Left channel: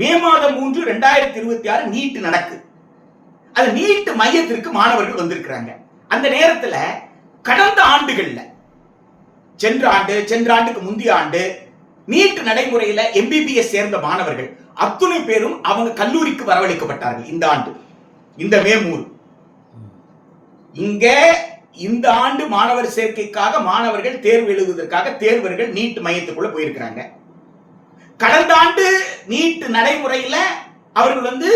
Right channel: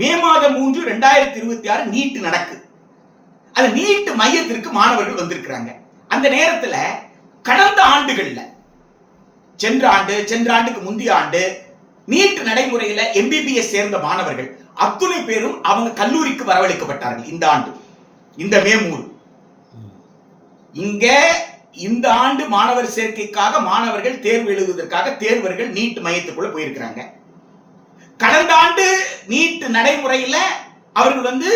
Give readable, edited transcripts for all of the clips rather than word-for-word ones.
மே மாதம் 3, 2026 நீட் நடக்கு. அது நீட் மையத்திற்கு மாணவர்கள் வந்திருக்கிறாங்க. அந்த நேரத்தில் கடந்த ஆண்டுகள்ல சென்ற ஆண்டுக்கு முந்தைய ஆண்டு நீட் நடைமுறையில் எம்பிபிஎஸ் சேர்ந்த மாணவர்கள் அத்துணை பேரும் அவங்க கல்லூரிக்கு வரவழைக்கப்பட்டார்கள். இந்த ஆண்டு இந்த மே 3 இங்க இந்த ஆண்டு மாணவர் சேர்க்கைக்காக மாணவர்கள் தேர்வு எழுதுவதற்காக தேர்வர்கள் நீட் மையத்துக்குள்ள போயிருக்கிறாங்க. கடந்த ஆண்டு நீட் நடைமுறையில் அவர்கள்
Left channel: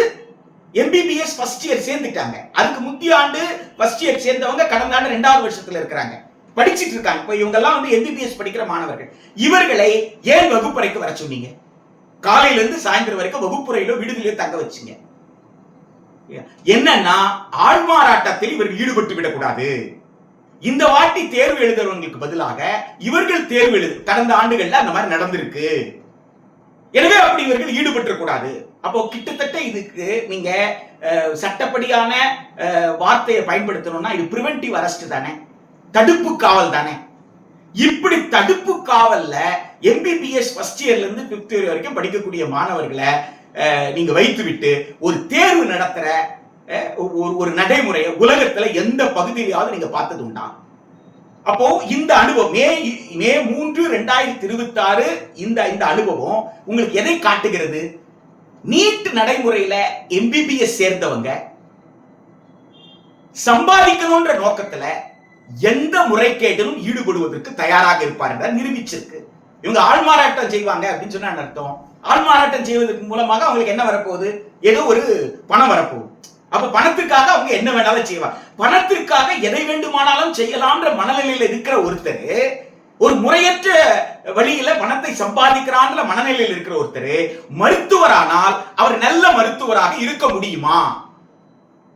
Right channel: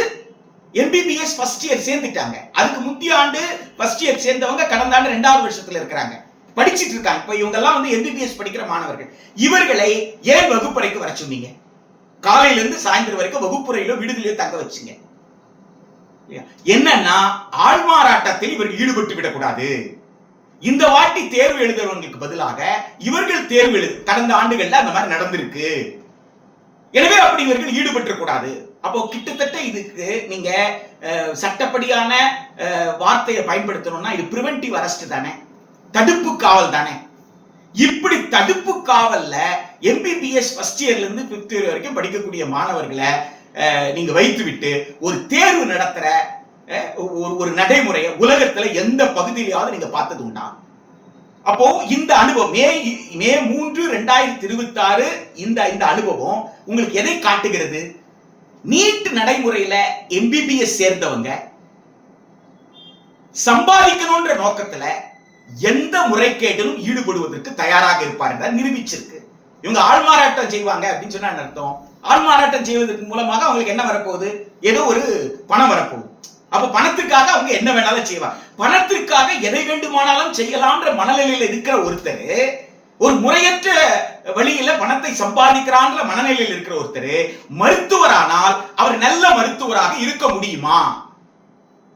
எம்பிபிஎஸ் ஃபர்ஸ்ட் இயர் சேர்ந்துட்டாங்க. அதுக்கு முந்தைய ஆண்டு ஃபர்ஸ்ட் இயர் சேர்ந்தவங்க கடந்த ஆண்டு 2வது வருஷத்துல இருக்கிறாங்க, படிச்சிட்டு இருக்காங்க. இப்போ இவங்க எல்லாம் எம்பிபிஎஸ் படிக்கிற மாணவர்கள். இவர்களை ஏன் வகுப்பறைக்கு வர சொன்னீங்க? காலையில இருந்து சாயந்தரம் வரைக்கும் வகுப்புறையில விடுதலையோ தங்க வச்சுங்க. என்னன்னா ஆள்மாறாட்டத்தில் இவர்கள் ஈடுபட்டு விடக்கூடாது. இந்த வாட்டி தேர்வு எழுதுறவங்களுக்கு பதிலாக இவர்கள் தேர்வு எழுது கடந்த ஆண்டுகள்ல அந்த மாதிரி நடந்திருக்கு. எனவே அப்படி இவர்கள் ஈடுபட்டு கூடாது. அப்போ கிட்டத்தட்ட இதுக்கு நீங்க சட்டப்படியான வார்த்தையை பயன்படுத்தணும்னா இது பிரிவென்டிவ் அரெஸ்ட் தானே, தடுப்பு காவல் தானே. இப்படி தடுப்பு காவல்ல எம்பிபிஎஸ் ஃபர்ஸ்ட் இயர்ல இருந்து 5th இயர் வரைக்கும் படிக்கக்கூடிய மாணவர்களை நீங்க வைத்து விட்டு ஒரு தேர்வு நடத்துற ஒரு நடைமுறையை உலகத்துல எந்த பகுதியிலாவது நீங்க பார்த்தது உண்டா? அப்போ இந்த அனுபவம் மே 3, 2026 இந்த அனுபவம் உங்களுக்கு எதை காட்டுகிறது? நீட் நடைமுறையில எம்பிபிஎஸ் சேர்ந்தவங்க சம்பாதிக்கணும்ன்ற நோக்கத்துல எந்த முறைகேட்டிலும் ஈடுபடுவதற்கு தயாராக இருப்பார் என்ற நிரூபிச்சிருக்கு. இவங்க ஆள்மாறாட்டம் செய்வாங்க அப்படின்னு சொன்னா அர்த்தம், ஆள்மாறாட்டம் செய்வதற்கு மூலமாக அவங்களுக்கு என்ன வரப்போகுது? ஏதோ ஒரு பணம் வரப்போகுது. அப்ப பணத்துக்காக அவங்க என்ன வேணாலும் செய்வாங்க. பணத்திற்காக எதை வேண்டுமானாலும் செய்யலாம்ன்ற மனநிலையில் இருக்கிற ஒருத்தர், ஒரு முறையற்ற வழியில பணத்தை சம்பாதிக்கிறான்ற மனநிலையில் இருக்கிற ஒருத்தர் மருத்துவரானால் அவர் நல்ல மருத்துவராக இருக்க முடியுமா?